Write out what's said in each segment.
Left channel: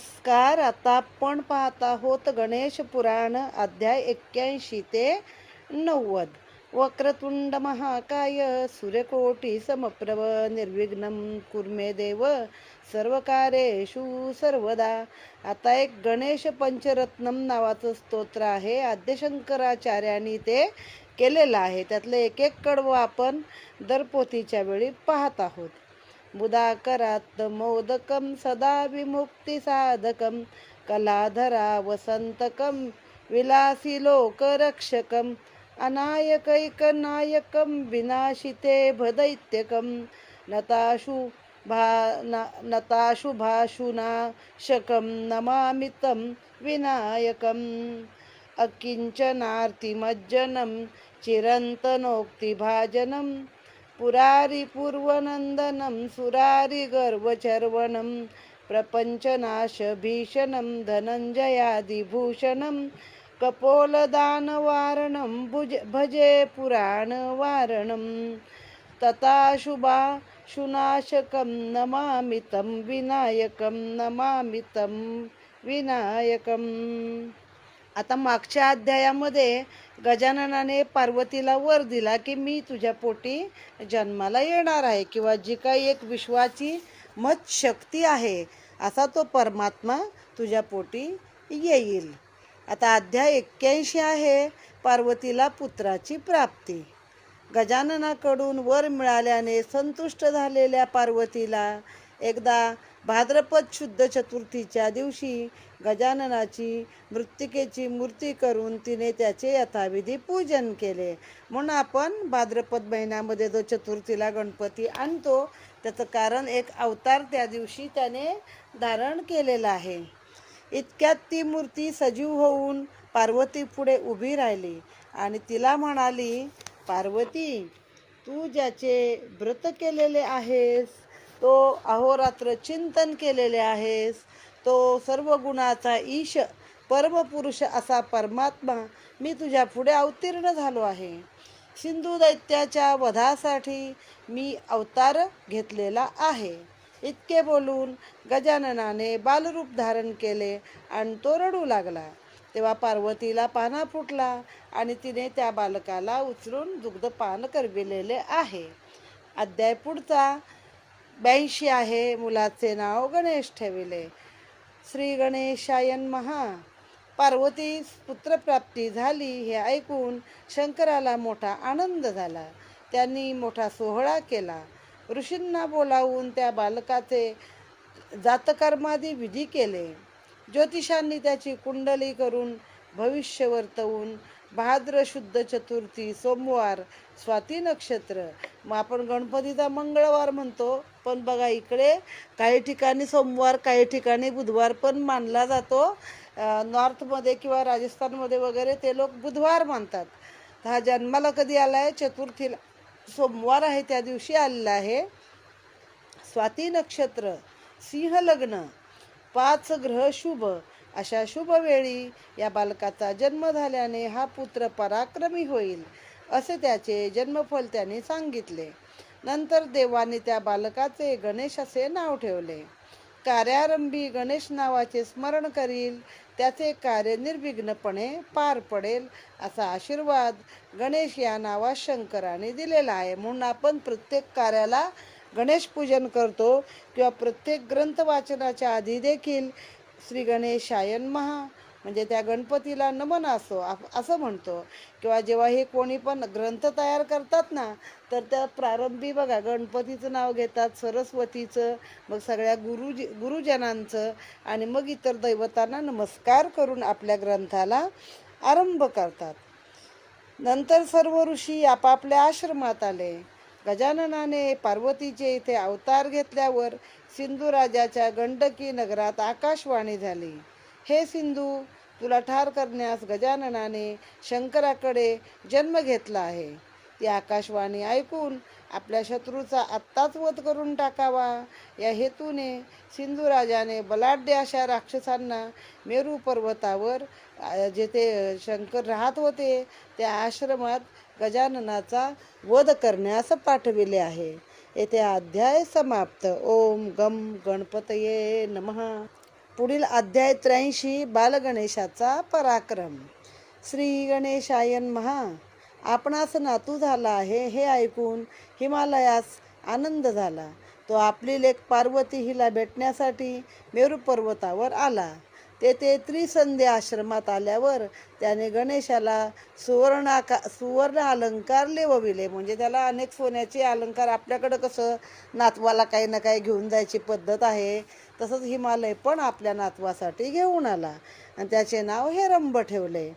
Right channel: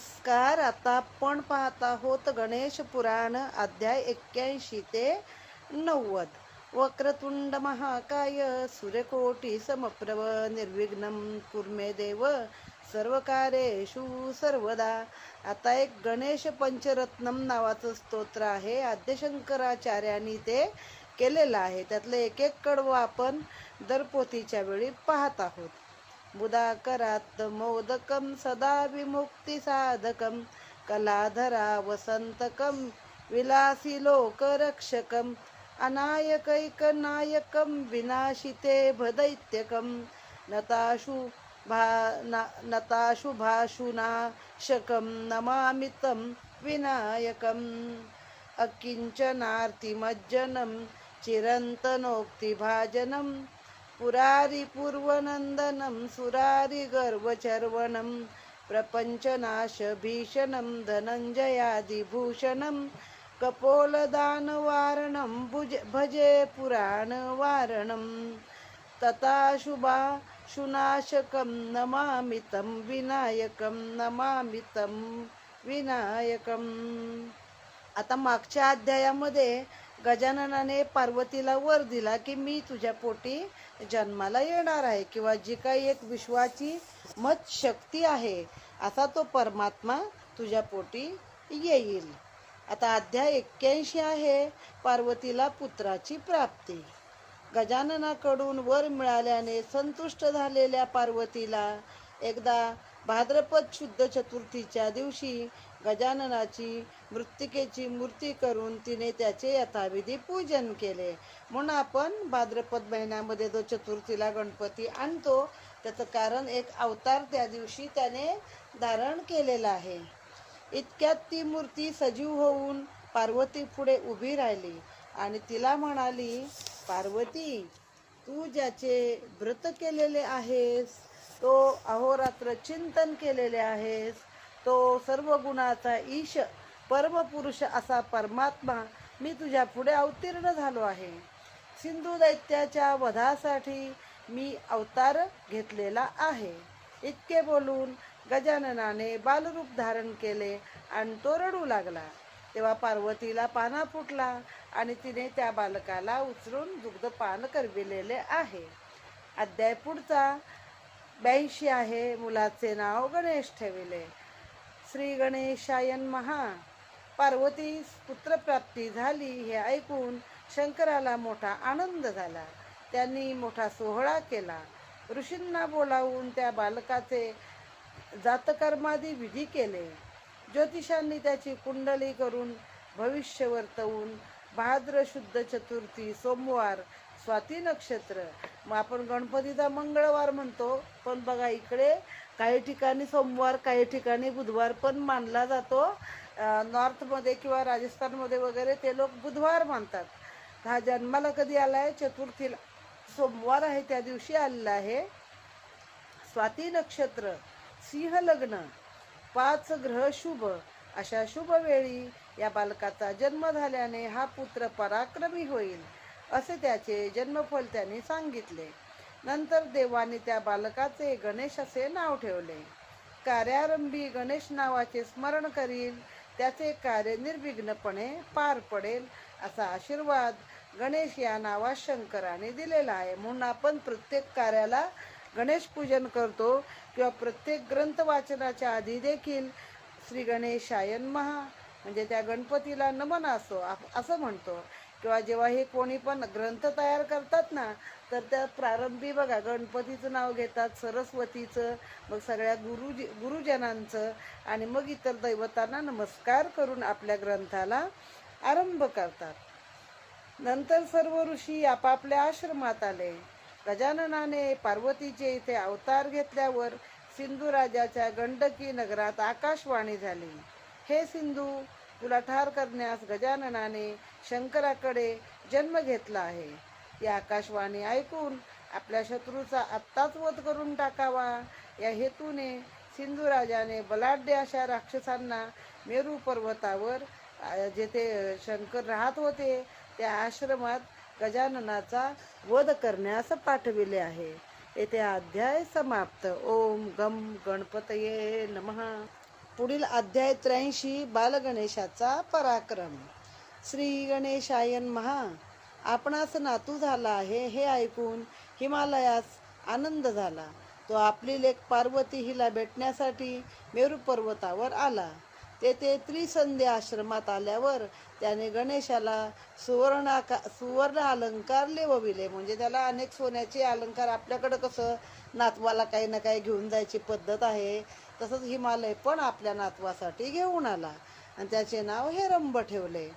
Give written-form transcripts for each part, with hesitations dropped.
नमस्कार. आता आपण पाहत आहोत गणेश पुराण अध्याय 81 ते 90. वक्रतुंड महाकाय सूर्यकोटी समप्रभ निर्विघ्नं कुर्मे देव सर्वकार्येषु सर्वदा. आता एक गणेश पंचरत्नम नावाचं स्तोत्र आहे. आद्यशंकराचार्यांनी ते केलेलं आहे. त्यातलं एक एक कडवं आपण दरपोथीच्या वेळी पाहत आहोत. बुधाकरात् मोदकं सदा विमुक्तिसाधकं कलाधरा वसंतकं विलासी लोकरक्षकं अनायकैकनायकं विनाशिते भदैत्यकं नताशुभाशुनाशकं नमामि तं विनायकम् अकिंचनार्तिमज्जनं चिरन्तनोक्तिभाजनं पुरारी पूर्वनंदनं सुरारी गर्वचर्वणं प्रपंचनाशभीषणं धनञ्जयादिभूषणं कपोलदानवारणं भजे पुराणवारणं तथाशुभाशुनाशकं नमामि तं विनायकं नमामि तं विनायकं. आता मागच्या अध्यायामध्ये गजाननाने पार्वतीला वर दिला की मी तुझ्या पोटी जन्माला येणार आहे, किंवा जी काही एक विश्वाची मत शक्ती आहे असा तो परमात्मा तुझ्या पोटी येईल. आता अध्याय 81 आहे पार्वतीला पुत्राची प्राप्ती. गजाननाकडून वर मिळाल्याने संतुष्ट झालेल्या पार्वतीला एकदा भाद्रपद शुद्ध चतुर्थीच्या दिवशी गजाननाची मृत्तिकेची मूर्ती करून तिने त्याचे यथाविधी पूजन केले. म्हणून आपण भाद्रपद महिन्यामध्ये जो चतुर्थीला गणपती आणतो त्याचं कारण एक अवतार त्या दिवशी त्याने धारण केलेला आहे. इतक्यात ती मूर्ती सजीव होऊन पार्वती पुढे उभी राहिली आणि तिला म्हणाली, पार्वती, तू ज्याचे व्रत केलेले आहेस, तो अहोरात्र चिंतन केलेले आहेस, तो सर्व गुणाचा ईश परमपुरुष असा परमात्मा मी तुझ्या पुढे अवतीर्ण झालो आहे. सिंधू दैत्याच्या वधासाठी मी अवतार घेतलेला आहे. इतके बोलून गजाननाने बालरूप धारण केले आणि तो रडू लागला. तेव्हा पार्वतीला पाना फुटला आणि तिने त्या बालकाला उचलून दुग्धपान करविलेले आहे. अध्याय पुढचा 82 आहे. मुलाचे नाव गणेश ठेविले. श्री गणेशाय नमः. पार्वतीस पुत्रप्राप्ती झाली हे ऐकून शंकराला मोठा आनंद झाला. त्यांनी मोठा सोहळा केला. ऋषींना बोलावून त्या बालकाचे जातकर्मादी विधी केले. ज्योतिषांनी त्याची कुंडली करून भविष्य वर्तवून भाद्र शुद्ध चतुर्थी सोमवार स्वाती नक्षत्र, मग आपण गणपतीचा मंगळवार म्हणतो, पण बघा इकडे काही ठिकाणी सोमवार काही ठिकाणी बुधवार पण मानला जातो. नॉर्थमध्ये किंवा राजस्थानमध्ये वगैरे ते लोक बुधवार मानतात. हा जन्माला कधी आला आहे? चतुर्थीला, सोमवार आहे त्या दिवशी आलेला आहे. स्वाती नक्षत्र, सिंह लग्न, 5 ग्रह शुभ, अशा शुभ वेळी या बालकाचा जन्म झाल्याने हा पुत्र पराक्रमी होईल असे त्याचे जन्मफल त्यांनी सांगितले. नंतर देवाने त्या बालकाचे गणेश असे नाव ठेवले. कार्यारंभी गणेश नावाचे स्मरण करील त्याचे कार्य निर्विघ्नपणे पार पडेल असा आशीर्वाद गणेश या नावात शंकराने दिलेला आहे. म्हणून आपण प्रत्येक कार्याला गणेश पूजन करतो, किंवा प्रत्येक ग्रंथ वाचनाच्या आधी देखील श्री गणेशाय नमः म्हणजे त्या गणपतीला नमन असो असं म्हणतो. किंवा जेव्हा हे कोणी पण ग्रंथ तयार करतात ना, तर त्या प्रारंभी बघा गणपतीचं नाव घेतात, सरस्वतीचं, मग सगळ्या गुरुजनांचं, आणि मग इतर दैवतांना नमस्कार करून आपल्या ग्रंथाला आरंभ करतात. नंतर सर्व ऋषी आपापल्या आश्रमात आले. गजाननाने पार्वतीचे इथे अवतार घेतल्यावर सिंधू राजाच्या गंडकी नगरात आकाशवाणी झाली. हे सिंधू, तुला ठार करण्यास गजाननाने शंकराकडे जन्म घेतला आहे. ती आकाशवाणी ऐकून आपल्या शत्रूचा आत्ताच वध करून टाकावा या हेतूने सिंधू राजाने बलाढ्य अशा राक्षसांना मेरू पर्वतावर जेथे शंकर राहत होते त्या आश्रमात गजाननाचा वध करण्यास पाठविले आहे. येथे अध्याय समाप्त. ओम गम गणपतये नमः. पुढील अध्याय 83 बालगणेशाचा पराक्रम. श्री गणेशायन महा. आपणास नातू झाला आहे हे ऐकून हिमालयास आनंद झाला. तो आपली लेक पार्वती हिला भेटण्यासाठी मेरू पर्वतावर आला. तेथे त्रिसंध्य आश्रमात आल्यावर त्याने गणेशाला सुवर्ण अलंकार लेवविले. म्हणजे त्याला अनेक सोन्याचे अलंकार, आपल्याकडं कसं नातवाला काही ना काही घेऊन जायची पद्धत आहे, तसंच हिमालय पण आपल्या नातवासाठी घेऊन आला आणि त्याचे नाव हेरंब ठेवले.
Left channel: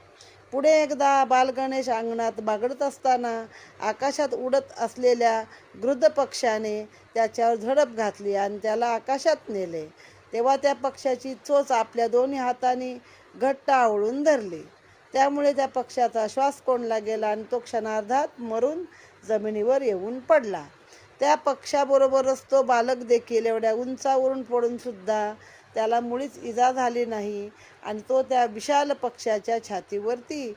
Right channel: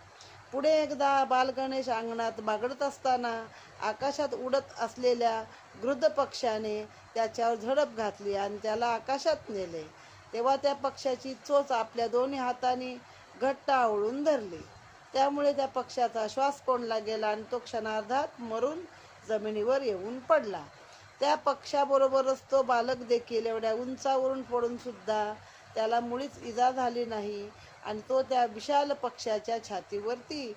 पुढे एकदा बालगणेश अंगणात बागडत असताना आकाशात उडत असलेल्या गृध्र पक्षाने त्याच्यावर झडप घातली आणि त्याला आकाशात नेले. तेव्हा त्या पक्षाची चोच आपल्या दोन्ही हातांनी घट्ट आवळून धरली. त्यामुळे त्या पक्षाचा श्वास कोंडला गेला आणि तो क्षणार्धात मरून जमिनीवर येऊन पडला. त्या पक्षाबरोबरच तो बालक देखील एवढ्या उंचावरून पडून सुद्धा त्याला मुळीच इजा झाली नाही आणि तो त्या विशाल पक्षाच्या छातीवरती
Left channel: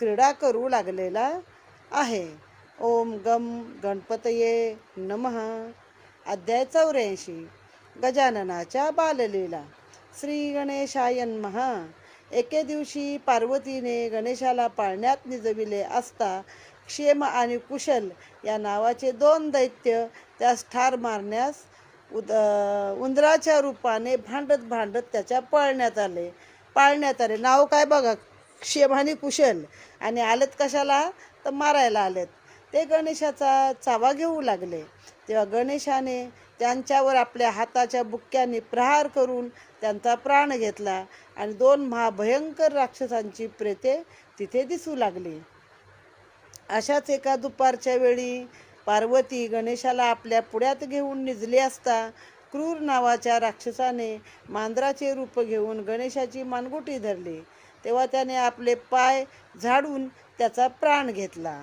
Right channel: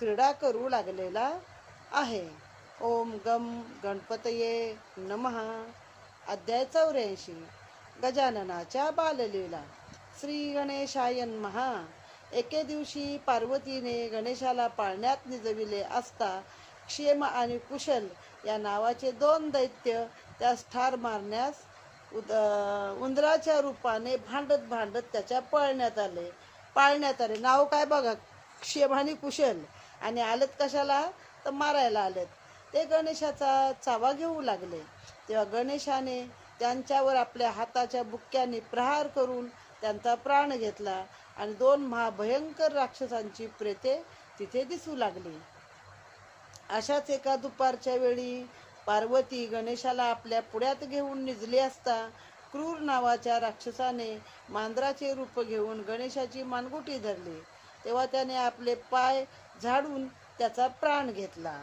क्रीडा करू लागलेला आहे. ओम गम गणपतये नमः. अध्याय 84 गजाननाच्या बाललीला. श्री गणेशाय नमः. एके दिवशी पार्वतीने गणेशाला पाळण्यात निजविले असता क्षेम आणि कुशल या नावाचे 2 दैत्य त्यास ठार मारण्यास उंदराच्या रूपाने भांडत त्याच्या पाळण्यात आले. नाव काय बघा, क्षेम आणि कुशल, आणि आलेत कशाला तर मारायला आलेत. ते गणेशाचा चावा घेऊ लागले. तेव्हा गणेशाने त्यांच्यावर आपल्या हाताच्या बुक्क्याने प्रहार करून त्यांचा प्राण घेतला आणि 2 महाभयंकर राक्षसांची प्रेते तिथे दिसू लागली. अशाच एका दुपारच्या वेळी पार्वती गणेशाला आपल्या पुढ्यात घेऊन निजली असता क्रूर नावाच्या राक्षसाने मांजराचे रूप घेऊन गणेशाची मानगुटी धरली. तेव्हा त्याने आपले पाय झाडून त्याचा प्राण घेतला.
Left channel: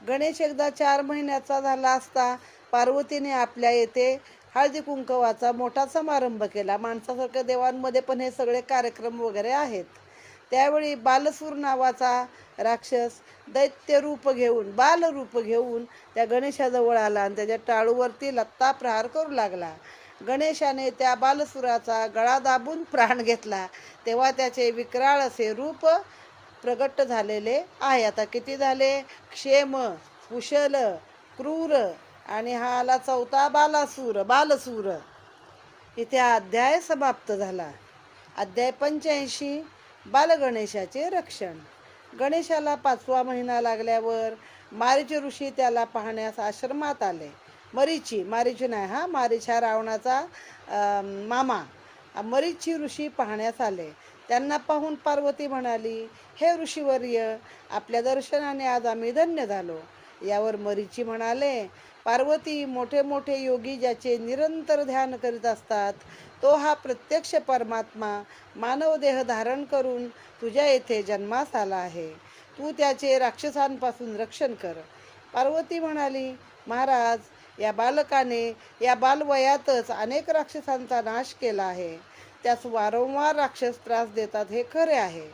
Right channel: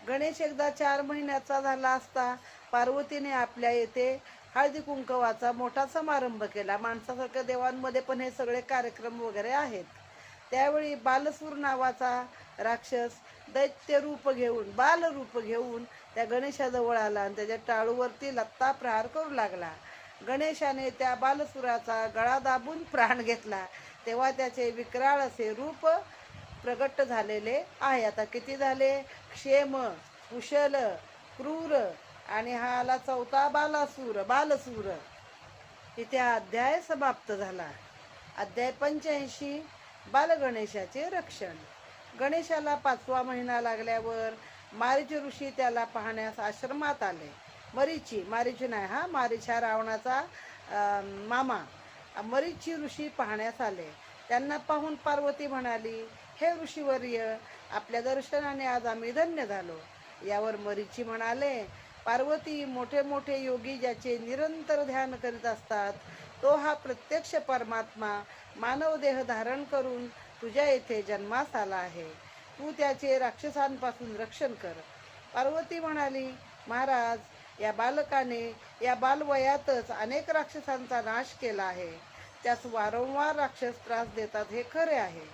गणेश एकदा 4 महिन्याचा झाला असता पार्वतीने आपल्या येथे हळदी कुंकवाचा मोठा समारंभ केला. माणसासारख्या देवांमध्ये पण हे सगळे कार्यक्रम वगैरे आहेत. त्यावेळी बालसूर नावाचा राक्षस बालरूप घेऊन त्या गणेशाजवळ आला आणि त्याच्या टाळूवरती लत्ता प्रहार करू लागला. गणेशाने त्या बालसुराचा गळा दाबून प्राण घेतला. तेव्हा त्याचे विक्राळ असे रूप प्रगट झालेले आहे. आता किती झाले? क्षेम, कुशल, क्रूर आणि हा आला 4था बालसूर. इथे हा अध्याय समाप्त झाला. अध्याय 85 बालगणेशाचे रक्षण. गणेशाला 5वा महिना लागल्यावर मारीच ऋषी त्याला पाहण्यास आश्रमात आले. मारीच हा रावणाचा मामा. मरीची ऋषी पाहण्यास आले. त्यांना पाहून पार्वती म्हणाली, हे ऋषीवर्य, आपल्या दर्शनाने आज आम्ही धन्य झालो. यावर मरीची म्हणाले, पार्वती, मोठे मोठे योगी ज्याचे निरंतर ध्यान करीत असतात तो हा प्रत्यक्ष परमात्मा मानव देह धारण करून तुझ्या येथे जन्मास आला आहे. तू त्याचे राक्षसांपासून रक्षण कर. पार्वती म्हणाली, महाराज, या बालकाने या बालवयातच अनेक राक्षसांचा नाश केला आहे. त्यास वारंवार राक्षस त्रास देतात हे खरे आहे.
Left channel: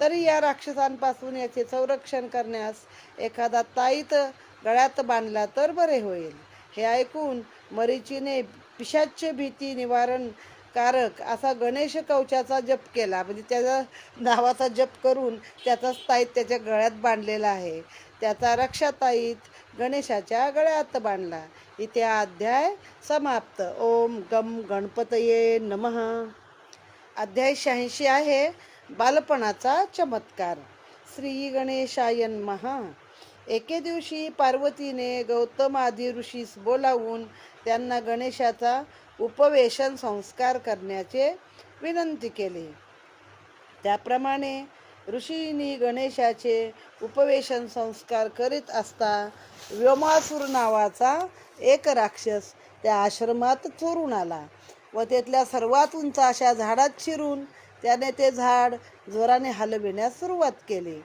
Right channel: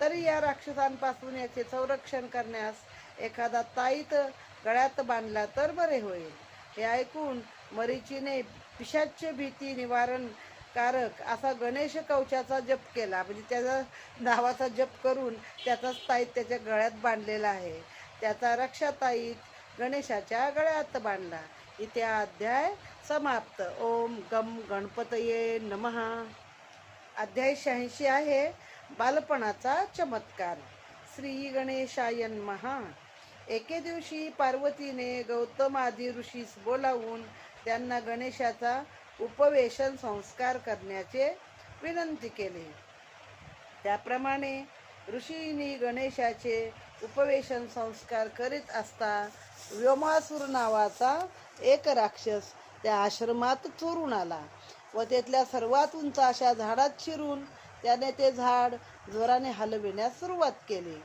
तरी या राक्षसांपासून याचे संरक्षण करण्यास एखादा ताईत गळ्यात बांधला तर बरे होईल. हे ऐकून मरीचीने पिशाच्य भीती निवारण कारक असा गणेश कवचाचा जप केला. म्हणजे त्याच्या नावाचा जप करून त्याचाच ताईत त्याच्या गळ्यात बांधलेला आहे. त्याचा रक्षाताईत गणेशाच्या गळ्यात बांधला. इथे हा अध्याय समाप्त. ओम गम गणपतये नमः. अध्याय 86 आहे बालपणाचा चमत्कार. श्री गणेशाय नमः. एके दिवशी पार्वतीने गौतम आदी ऋषीस बोलावून त्यांना गणेशाचा उपवेशन संस्कार करण्याचे विनंती केली. त्याप्रमाणे ऋषींनी गणेशाचे उपवेशन संस्कार करीत असता व्योमासूर नावाचा एक राक्षस त्या आश्रमात चोरून आला व तिथल्या सर्वात उंच अशा झाडात शिरून त्याने ते झाड जोराने हलविण्यास सुरुवात केली.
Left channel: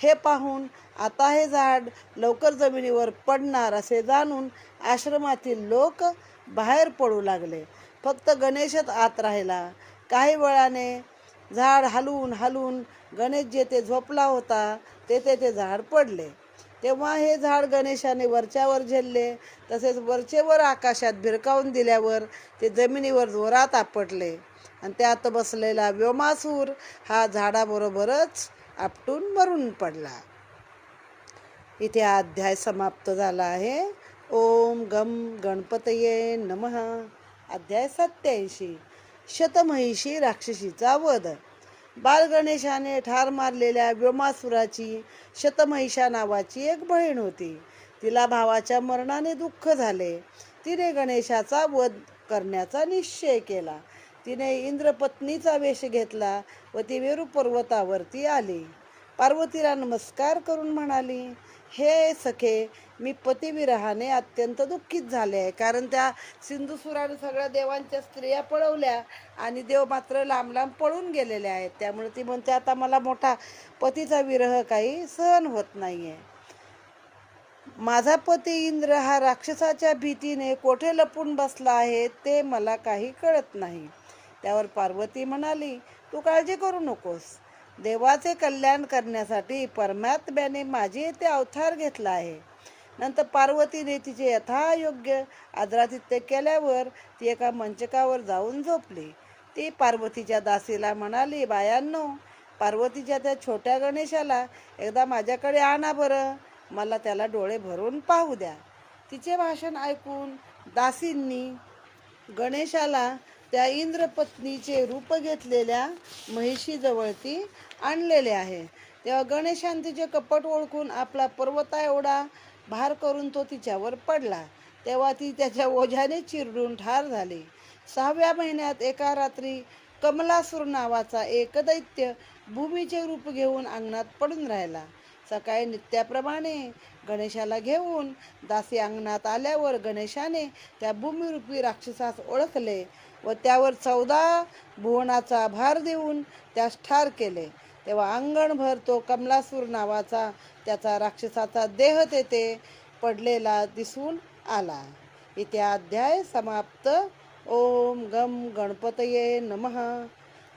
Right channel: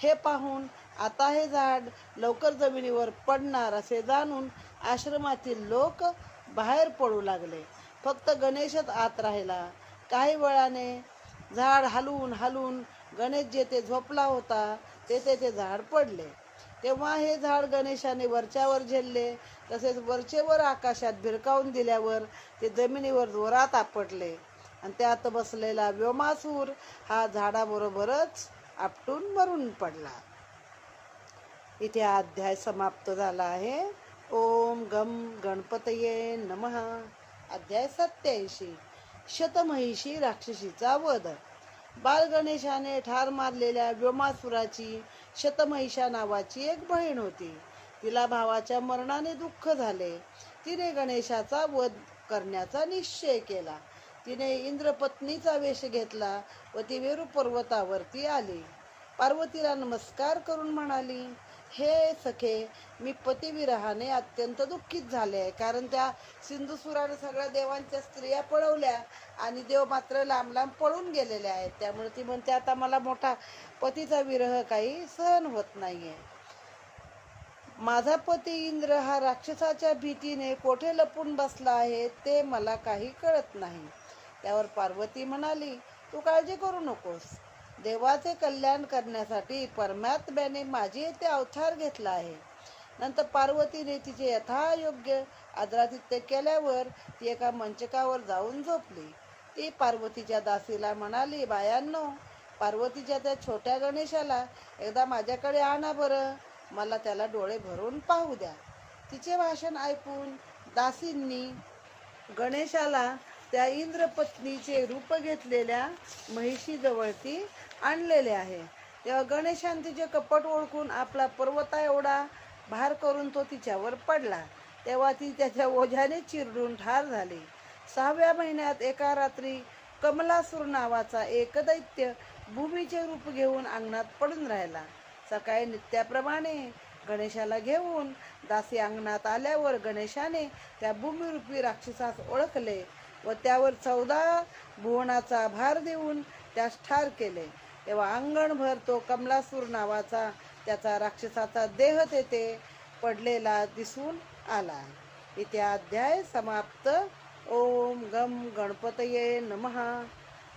हे पाहून आता हे झाड लवकर जमिनीवर पडणार असे जाणून आश्रमातील लोक बाहेर पडू लागले. फक्त गणेशच आत राहिला. काही वेळाने झाड हलून गणेश जेथे झोपला होता तेथे ते झाड पडले. तेव्हा हे झाड गणेशाने वरच्यावर झेलले. तसेच वरचेवर आकाशात भिरकावून दिल्यावर ते जमिनीवर जोरात आपटले आणि त्यात बसलेला व्योमासूर हा झाडाबरोबरच आपटून मरून पडला. इथे हा अध्याय समाप्त झाला आहे. ओम गम गणपतये नमः. अध्याय 87. शतमहिषी राक्षसीचा वध. बालगणेशाने ठार मारलेल्या व्योमासुराची शतमहिषा नावाची एक बहीण होती. तिला भावाच्या मरणाने दुःख झाले. तिने गणेशाचा वध करण्याचा निश्चय केला. तिने इंद्रपत्नीचा वेश घेतला व ती मेरू पर्वतावरती आली. पार्वतीला नमस्कार करून म्हणाली, हे सखे, मी पतिविरहाने अत्यंत दुःखित झाले आहे. कारण त्या सिंधुसुराने सगळ्या देवांच्या स्त्रिया पळवल्या आणि देव मात्र लांब लांब पळून गेलेले आहेत. त्यामुळे ती म्हणते, आता मला मोठा पतीचा विरह काही सहन होत नाहीये. माझा पती इंद्र हा राक्षसाच्या भीतीने कोठे लपून बसला आहे ते मला काही कळत नाही. त्यावर पार्वती म्हणाली, तू काळजी करू नकोस. देवाचे कल्याण करण्यासाठी परमात्म्याने माझे येथे अवतार घेतला आहे. नंतर पार्वतीने तिचे यथायोग्य आदरातिथ्य केल्यावर ती एका मंचकावर जाऊन झोपली. ती पार्वतीच्या दासीला म्हणाली, बायांनो, पार्वतीच्या त्या छोट्या गणेशाला एकदा माझ्याकडे आणा बरं. मला त्याला डोळे भरून पाहू द्या. तिचे भाषण ऐकून दासींनी गणेशाला त्या इंद्रपत्नीचे रूप घेतलेल्या महिषीजवळ ती आणलेले आहे. तेव्हा गणेशाने तिचे कपट ओळखून आपला पर्वता एवढा भार करून तो तिच्यावर पडला. तेव्हा ती त्याच्या ओझ्याने चिरडून ठार झाली. 6व्या महिन्यात एका रात्री कमलासूर नावाचा एक दैत्य भूमीचे रूप घेऊन अंगणात पडून राहिला. सकाळी नित्याप्रमाणे गणेशाला घेऊन दासी अंगणात आल्यावर गणेशाने त्या भूमिरूपी राक्षसास ओळखले व त्यावर 14 भुवनाचा भार देऊन त्यास ठार केले. तेव्हा अंगणभर तो कमलासूर नावाचा त्याचा राक्षसाचा देह तेथे पडलेला दिसून आला. इथे अध्याय समाप्त. ओम गम गणपतये नमः.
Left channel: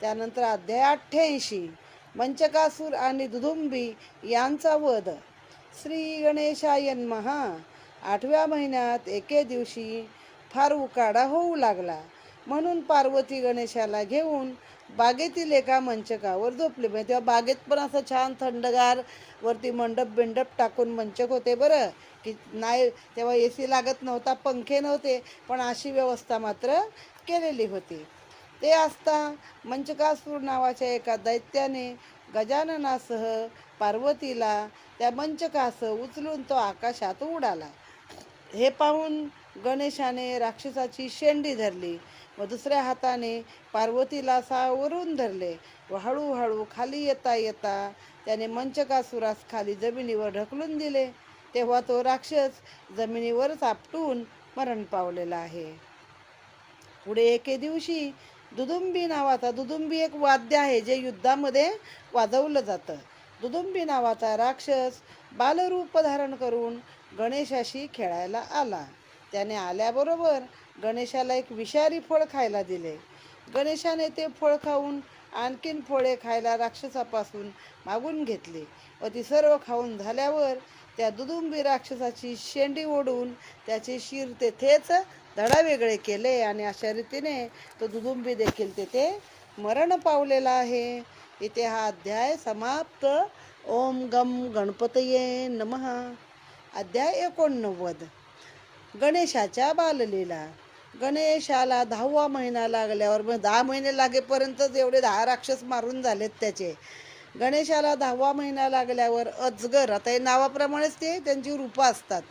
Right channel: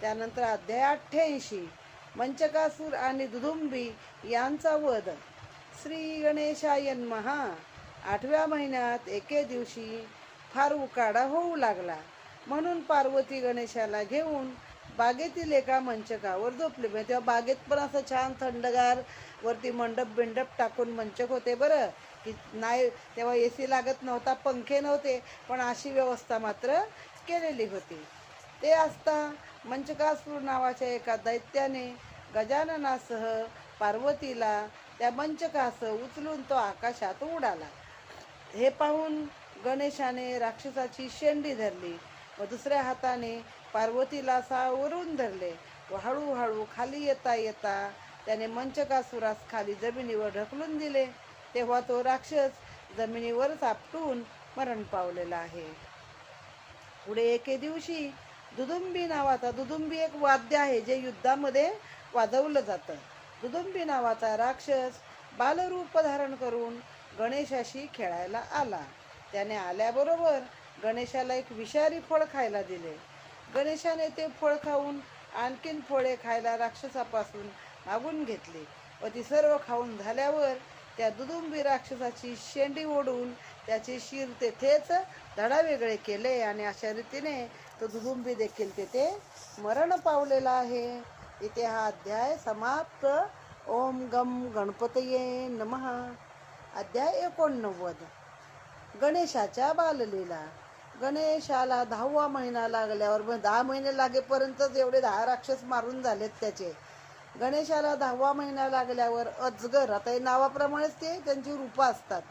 त्यानंतर अध्याय 88. मंचकासूर आणि दुदुंबी यांचा वध. श्री गणेशाय नमः. 8व्या महिन्यात एके दिवशी फार उकाडा होऊ लागला. म्हणून पार्वती गणेशाला घेऊन बागेतील एका मंचकावर झोपली. तेव्हा बागेत पण असं छान थंडगार वरती मंडप टाकून मंचक होते बरं, की नाही तेव्हा AC लागत नव्हता, पंखे नव्हते, पण अशी व्यवस्था मात्र केलेली होती. ते असता मंचकासूर नावाच्या एका दैत्याने गजाननासह पार्वतीला त्या मंचकासह उचलून तो आकाशात उडाला. हे पाहून गणेशाने राक्षसाची शेंडी धरली व दुसऱ्या हाताने पार्वतीला सावरून धरले व हळूहळू खाली येता येता त्याने मंचकासुरास खाली जमिनीवर ढकलून दिले. तेव्हा तो राक्षस जमिनीवरच आपटून मरण पावलेला आहे. पुढे एके दिवशी दुदुंबी नावाचा, दुदुंबी एक वाद्य आहे जे युद्धामध्ये वाजवलं जातं. दुदुंबी नावाचा राक्षस बालरूप धारण करून गणेशाशी खेळायला आला. त्याने आल्याबरोबर गणेशाला एक विषारी फळ खायला दिले. गणेशाने ते फळ खाऊन आणखीन फळे खायला राक्षसापासून मागून घेतली व ती सर्व खाऊन झाल्यावर त्या दुदुंबी राक्षसाची शेंडी ओढून त्याचे शिर तेथेच धडावेगळे केले आणि अशा रीतीने तो दुदुंबी देखील तेथे मरण पावलेला आहे. इथे हा अध्याय समाप्त. ओम गम गणपतये नमः. अध्याय 89. गणेशाच्या बाललीला. गणेशाला 10वा महिना लागल्यावर, 10 महिने लागेपर्यंतच एवढे 10 राक्षस मारून झालेत त्याचे. गणेशाला 10वा महिना लागल्यावर अजगर, आता हे नावाप्रमाणेच ते त्यांची रूपं असतात,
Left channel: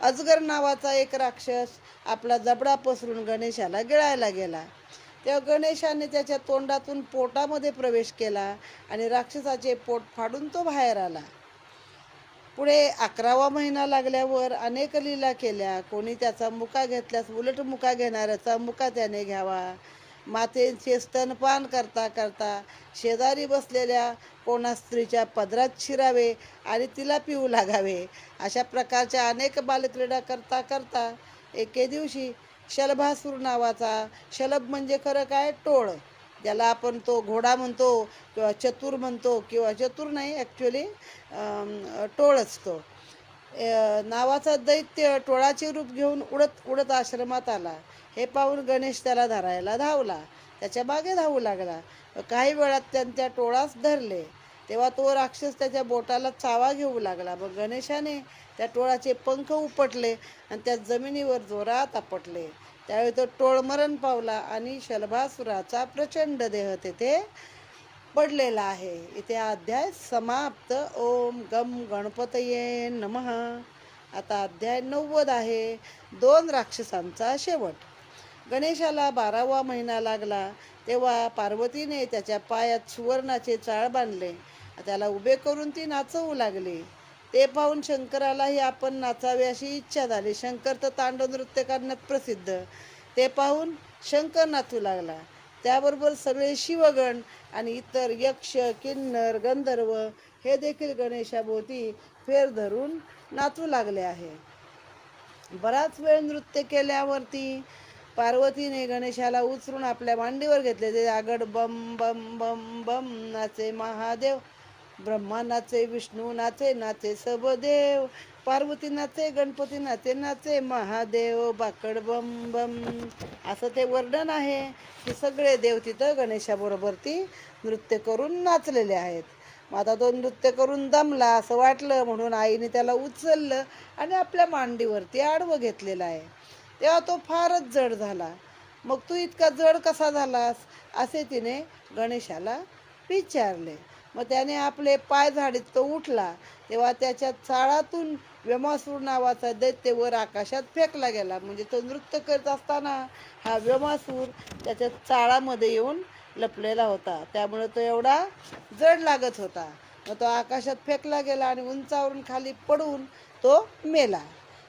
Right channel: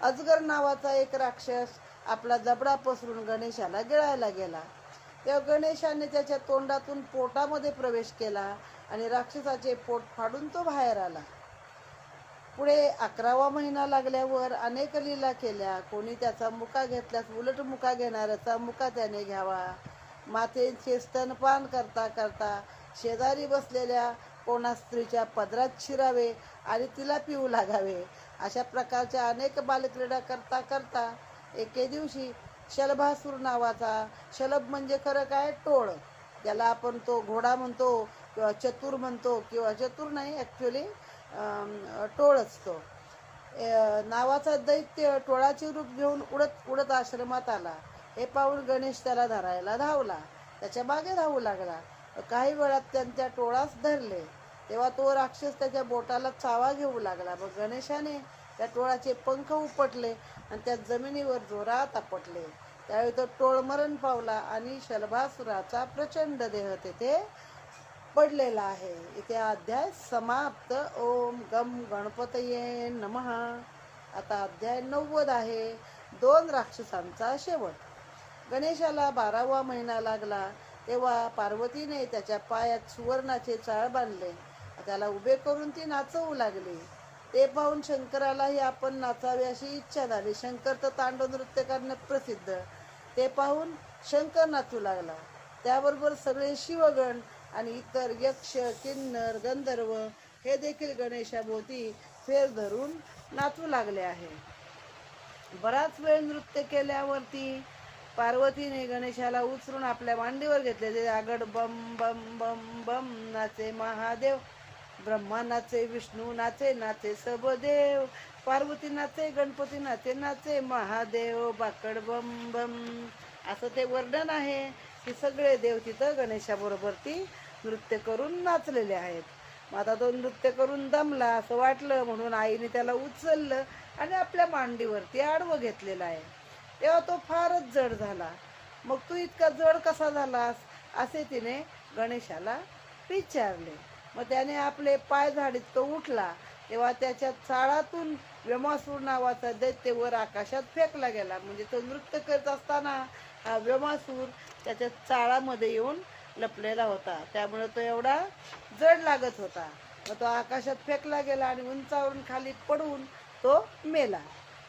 अजगर नावाचा एक राक्षस आपला जबडा पसरून गणेशाला गिळायला गेला. तेव्हा गणेशाने त्याच्या तोंडातून पोटामध्ये प्रवेश केला आणि राक्षसाचे पोट फाडून तो बाहेर आला. पुढे 11वा महिना लागल्यावर अनेक लीला केल्या. कोणी त्याचा मुका घेतल्यास उलट मुका घेणाऱ्याचा मुका त्याने घ्यावा. मातेचे स्तनपान करता करता शेजारी बसलेल्या कोणा स्त्रीच्या पदरात शिरावे आणि तिला पिऊ लागावे. अशा प्रकारच्या अनेक बालक्रीडा करता करता एके दिवशी शलभासूर नावाचा, शलभ म्हणजे खरं काय, टोळ, ज्याला आपण तो घोडा म्हणतो किंवा चतुर म्हणतो, किंवा चतुर नाही ॲक्च्युली टोळ असतो, नावाचा दैत्य टोळाचे रूप घेऊन उडत उडत आश्रमात आला. हे पाहून गणेश त्याला धरायला धावला. त्याच्या मागे धावू लागला. काही वेळात त्यांच्या टोळास धरले. तेव्हा तो राक्षस त्याच्या बोटाला चावा घेऊ लागला. मग गणेशाने त्या टोळाचे पंख उपटले आणि त्या जमिनीवर जोरात आपटले. त्यावेळी तो टोळ मरण पावला आणि शलभासुराचा प्रचंड देह तेथे पडलेला आहे. इथे अध्याय समाप्त. ओम गम गणपतये नमः. आता अध्याय 90 आहे. 2 राक्षसांचा शेवट. गणेशाला 12वा महिना लागला तेव्हा पार्वतीने त्याच्या पायात सुवर्णाचे चाळ बांधले. त्याला उभे करून ती नाचवू लागली. ते पाहून शंकरालाही आपण नाचावे अशी इच्छा झाली. शंकर तर तांडव नृत्य करण्यात प्रसिद्ध. ते पाहून शंकर नाचू लागला. त्याबरोबर सगळे शिवगण आणि इतर यक्ष, किन्नर, गंधर्व हे देखील गणेशाभोवती फेर धरून नाचू लागले आहे. बराच वेळ नृत्य केल्यावरती पार्वतीने गणेशाला उचलून आपल्या मांडीवर घेतले. ते आगड बम बम बम बम नाचे महादेव. ब्रह्मा नाचे, विष्णू नाचे, नाचे सबदेव. पार्वती नाचे, गणपती नाचे, नाचे महादेव. बाकड बम बम. असं ते वर्णन आहे की सगळे देव तिथं गणेशाबरोबर ती नृत्य करून नाचलेले आहेत. मग आता तो नृत्य करून दमला असं वाटलं म्हणून आईने त्याला उचललं आणि आपल्या मांडीवरती आडवं घेतलेलं आहे. तेव्हा तो फारच जड झाला. मग तू इतका जड कसा झालास असे तिने गणेशाला विचारले. मग त्याने आपले पाय झाडीत तो उठला. तेव्हा त्याच्या चाळातून व्यमासूर नावाचा दैत्य वर आकाशात फेकला गेला. म्हणजे तो नृत्य करत असताना हा व्यमासूर त्याच्या चाळामध्ये येऊन लपलेला होता. त्यामुळे तो एवढा जड लागत होता. मग तो आकाशात फेकला गेला आणि उंचावरून खाली पडून तो मेला.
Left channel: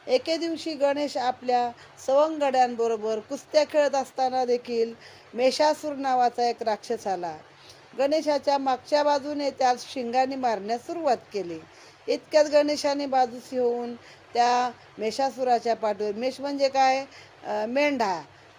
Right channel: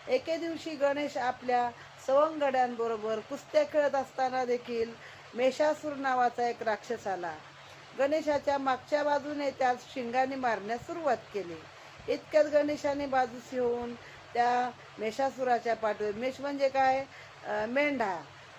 एके दिवशी गणेश आपल्या सवंगड्यांबरोबर कुस्त्या खेळत असताना देखील मेषासूर नावाचा एक राक्षस आला. गणेशाच्या मागच्या बाजूने त्यास शिंगाने मारण्यास सुरुवात केली. इतक्यात गणेशाने बाजूस येऊन त्या मेषासुराच्या पाठीवर, मेष म्हणजे काय, मेंढा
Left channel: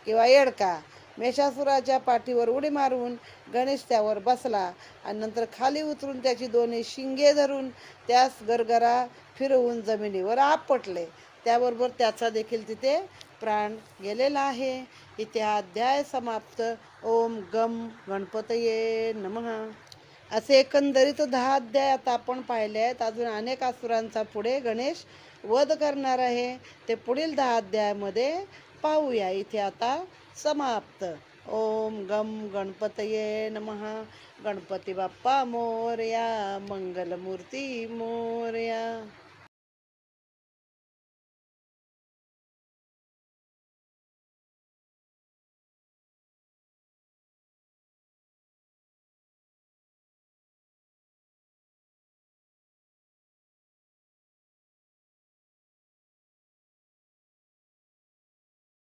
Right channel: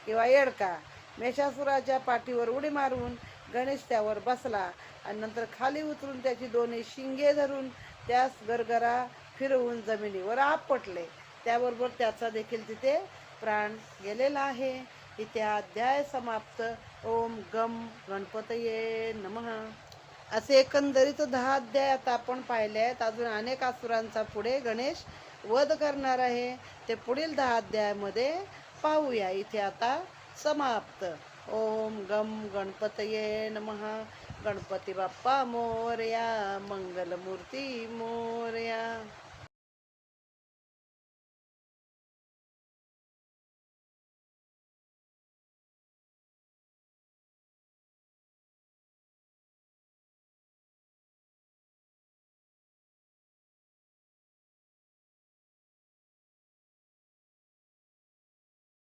किंवा येडका, मेषासुराच्या पाठीवर उडी मारून गणेश त्यावर बसला आणि नंतर खाली उतरून त्याची दोन्ही शिंगे धरून त्यास गरगरा फिरवून जमिनीवर आपटले. त्याबरोबर त्याचा देखील तिथे प्राण गेलेला आहे. इथे अध्याय समाप्त. ओम गम गणपतये नमः. असे एकंदरीत 10 अध्याय आता आपण पाहिले आहेत. अजून अनेक असुरांचा पुढे गणेश वध करणार आहे. ते पुढील 10 अध्यायामध्ये पाहूया. इथे आता समाप्त. ओम गम गणपतये नमः. गणपती बाप्पा मोरया. मंगलमूर्ती मोरया.